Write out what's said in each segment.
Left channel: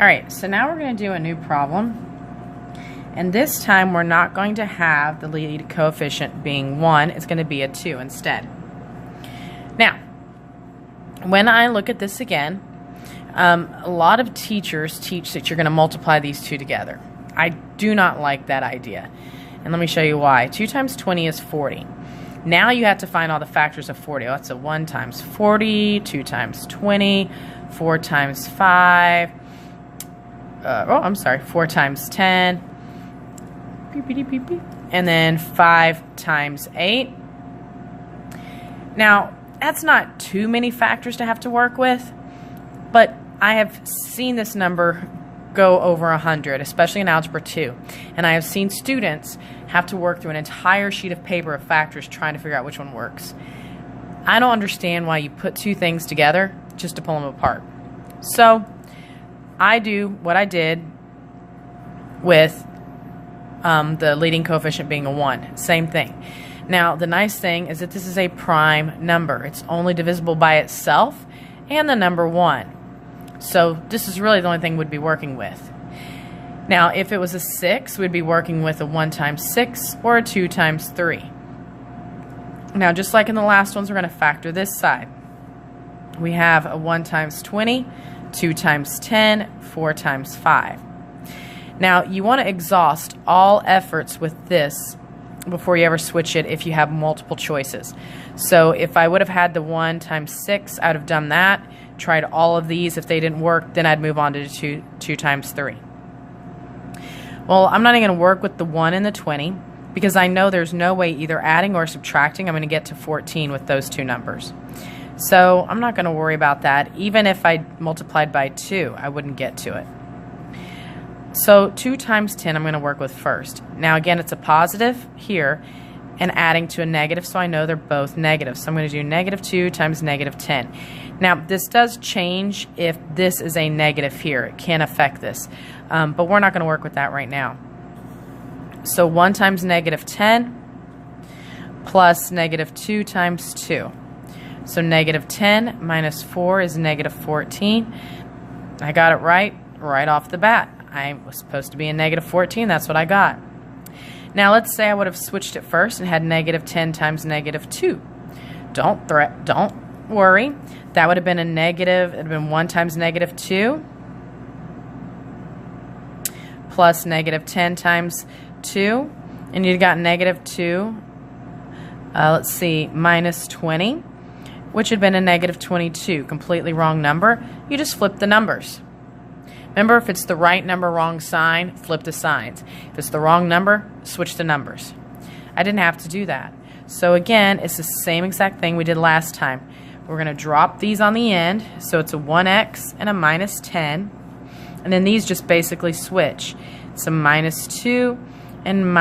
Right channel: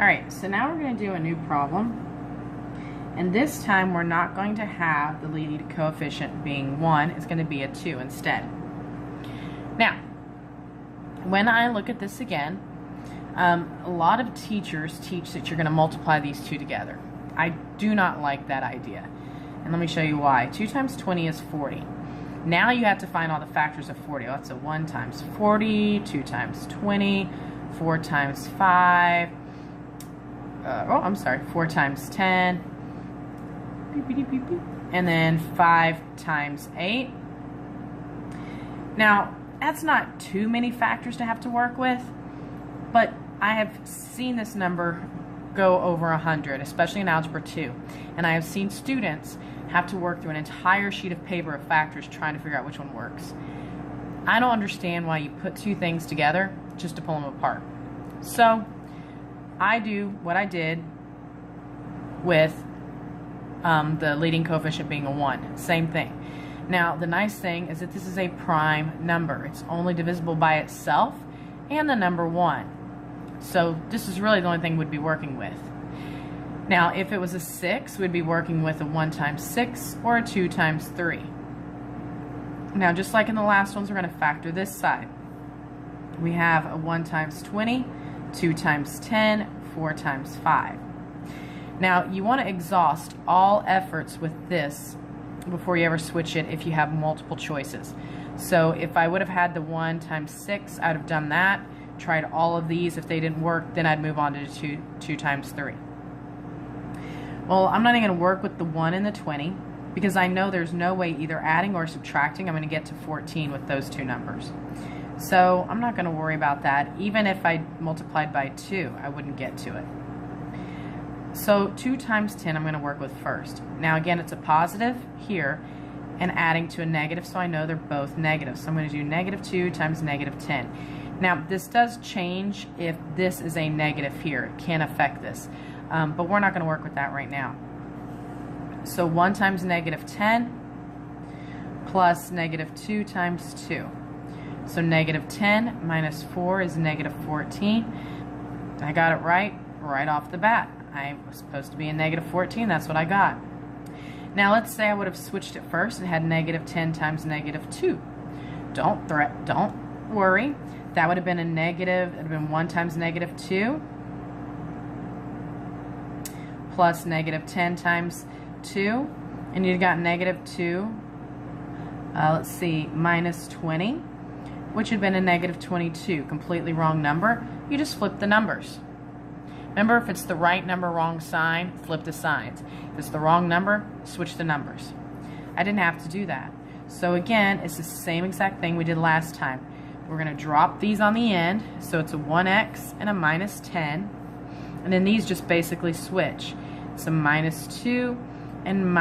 Alright, so now we're going to do a new problem. And this time we're not going to have the leading coefficient being 1. It's going to be a 2 instead. Now, when I look at this again, a lot of teachers teach that you're going to multiply these two together. I do not like that idea. And let me show you why. 2 times 20 is 40. Now you have to find all the factors of 40. Oh, that's a 1 times 40, 2 times 20, 4 times 5. 4 times 10. Beep, beep, beep, beep. And then 5 times 8. Now, that's not too many factors to have to work with, but I have seen this number go over 100, especially in Algebra 2. And I have seen students have to work through an entire sheet of paper of factors trying to figure out which one works. I don't understand why you put two things together just to pull them apart. So I do what I did with the leading coefficient being a 1. Same thing. Now, the nice thing is that this is a prime number. It's only divisible by itself and the number 1. So this is really the only thing we'd be working with. Now, if it was a 6, we'd be working with a 1 times 6 or a 2 times 3. Now, just like in the last ones, we're going to factor this side. We have a 1 times 20, 2 times 10, 4 times 5. Now, you want to exhaust all efforts with this before you ever switch it if you have multiple choices. So if I would have had the 1 times 6, I would have done that, tried all of these. If they didn't work, then I'd move on to 2 times 3. Well, I'm not even going to work with the 1 and the 20 because I know there's no way either adding or subtracting I'm going to get to 14 with those two numbers. So I'm not going to worry about that. Even if I multiplied by 2, I wouldn't get to it. So 2 times 10 I'm going to work with first. Now again, it's a positive here and adding to a negative, so I know they're both negative. So I'm going to do negative 2 times negative 10. Now this does change if this is a negative here. It can affect this. But we're not going to work with that right now. So 1 times negative 10 plus negative 2 times 2. So negative 10 minus 4 is negative 14. I got it right off the bat. I was supposed to be in negative 14. That's what I got. Now let's say I would have switched it first and had negative 10 times negative 2. Don't worry. That would have been a negative. It would have been 1 times negative 2 plus negative 10 times 2. And you'd got negative 2, let's see, minus 20, which had been a negative 22. Completely wrong number. You just flip the numbers. Remember, if it's the right number, wrong sign, flip the signs. If it's the wrong number, switch the numbers. I didn't have to do that. So again, it's the same exact thing we did last time. We're going to drop these on the end, so it's a 1x and a minus 10. And then these just basically switch. It's a minus 2 and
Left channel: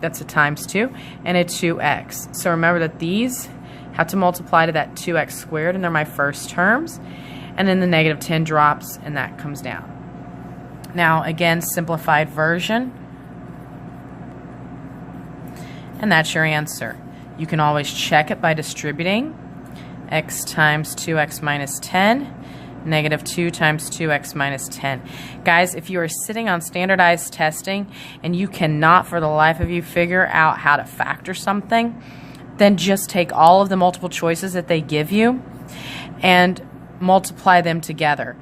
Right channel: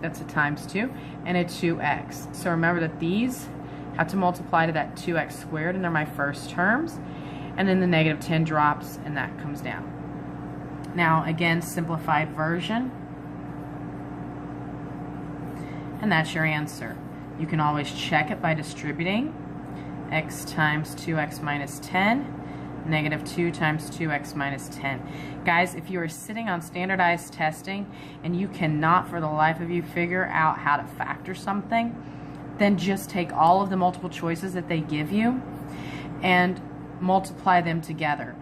that's a times 2 and a 2x. So remember that these have to multiply to that 2x squared, and they're my first terms. And then the negative 10 drops, and that comes down. Now, again, simplified version. And that's your answer. You can always check it by distributing. X times 2x minus 10, negative 2 times 2x minus 10. Guys, if you are sitting on standardized testing and you cannot for the life of you figure out how to factor something, then just take all of the multiple choices that they give you and multiply them together.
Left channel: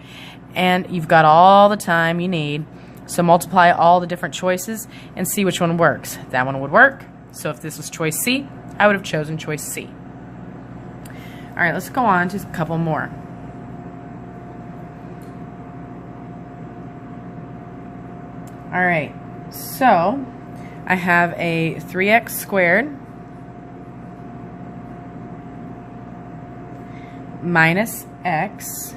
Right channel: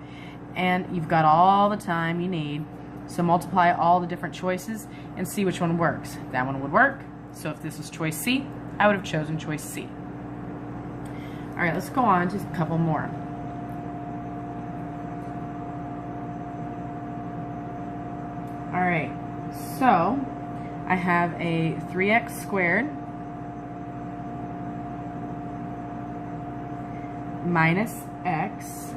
And you've got all the time you need. So multiply all the different choices and see which one works. That one would work. So if this was choice C, I would have chosen choice C. All right, let's go on to a couple more. All right, so I have a 3x squared minus x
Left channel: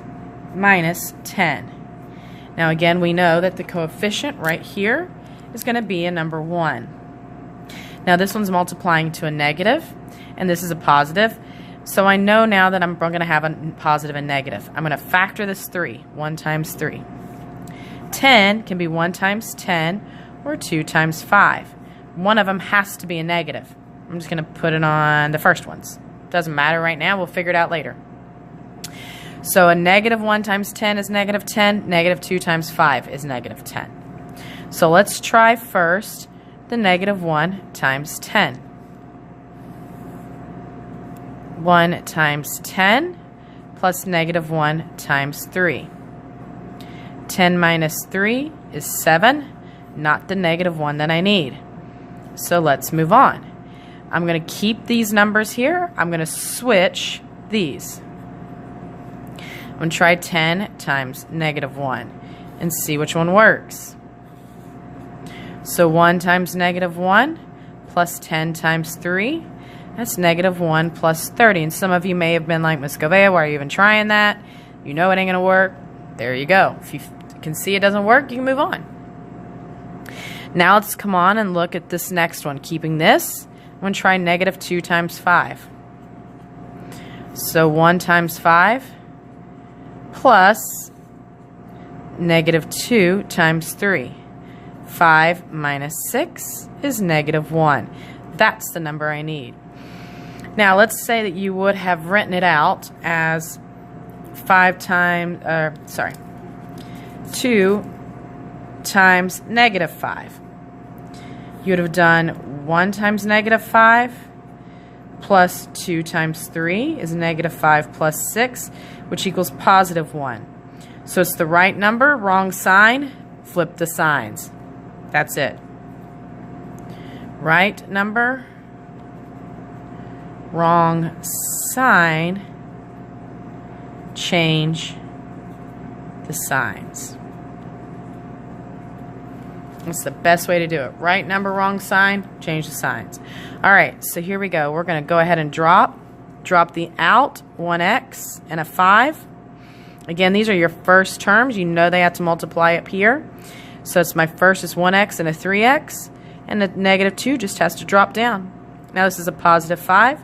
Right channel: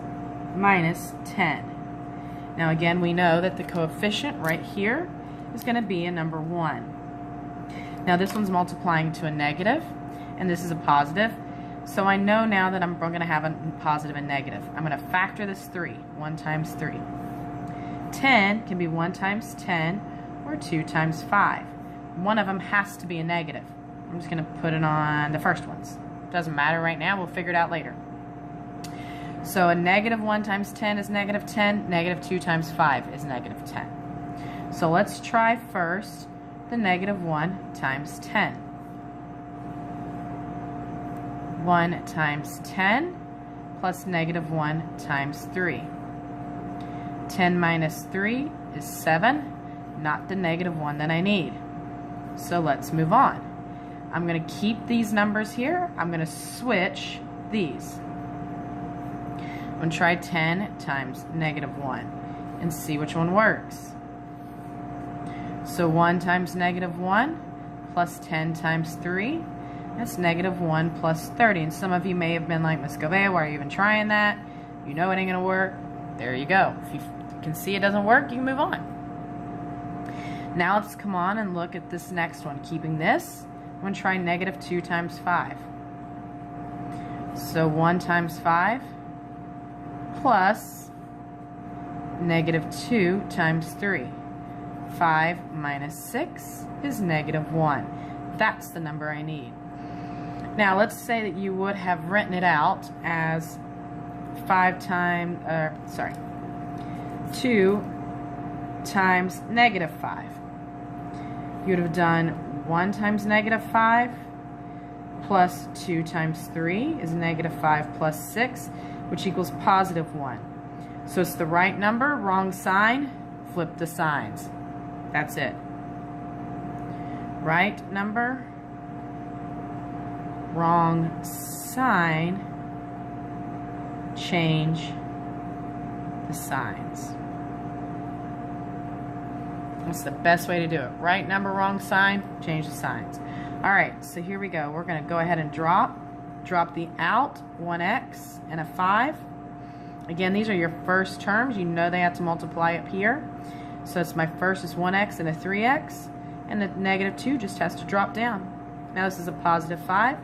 minus 10. Now again, we know that the coefficient right here is going to be a number 1. Now this one's multiplying to a negative, and this is a positive. So I know now that I'm going to have a positive and negative. I'm going to factor this 3. 1 times 3. 10 can be 1 times 10 or 2 times 5. One of them has to be a negative. I'm just going to put it on the first ones. Doesn't matter right now. We'll figure it out later. So a negative 1 times 10 is negative 10. Negative 2 times 5 is negative 10. So let's try first the negative 1 times 10. 1 times 10 plus negative 1 times 3. 10 minus 3 is 7, not the negative 1 that I need. So let's move on. I'm going to keep these numbers here. I'm going to switch these. I'm going to try 10 times negative 1 and see which one works. So 1 times negative 1 plus 10 times 3, that's negative 1 plus 30. And some of you may have been like, Ms. Govea, why are you even trying that? You know it ain't going to work. There you go. If you can see it doesn't work, you can move on. Now let's come on and look at this next one. Keeping this, I'm going to try negative 2 times 5. So 1 times 5 plus negative 2 times 3. 5 minus 6 is negative 1. That's the number I need. Now let's say that you would have written it out as 2 times negative 5. You would have done 1 times negative 5 plus 2 times 3 is negative 5 plus 6, which equals positive 1. So it's the right number, wrong sign, flip the signs. That's it. Right number, wrong sign, change the signs. It's the best way to do it. Right number, wrong sign, change the signs. All right, so here we go. We're going to go ahead and drop the out, 1x and a 5. Again, these are your first terms. You know they have to multiply up here. So it's my first is 1x and a 3x, and the negative 2 just has to drop down. Now this is a positive 5.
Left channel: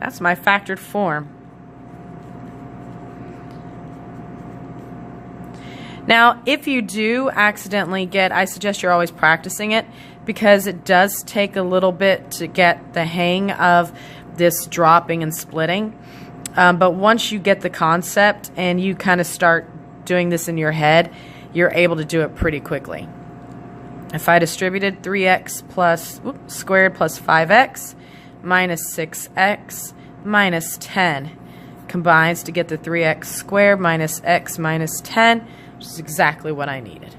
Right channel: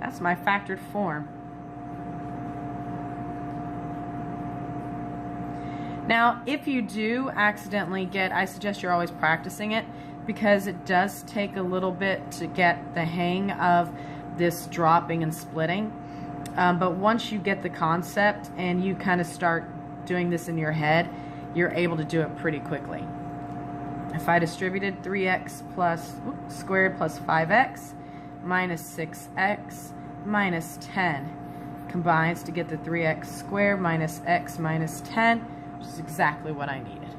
That's my factored form. Now, if you do accidentally I suggest you're always practicing it, because it does take a little bit to get the hang of this dropping and splitting. But once you get the concept and you kind of start doing this in your head, you're able to do it pretty quickly. If I distributed 3x squared plus 5x minus 6x minus 10 combines to get the 3x squared minus x minus 10, which is exactly what I needed.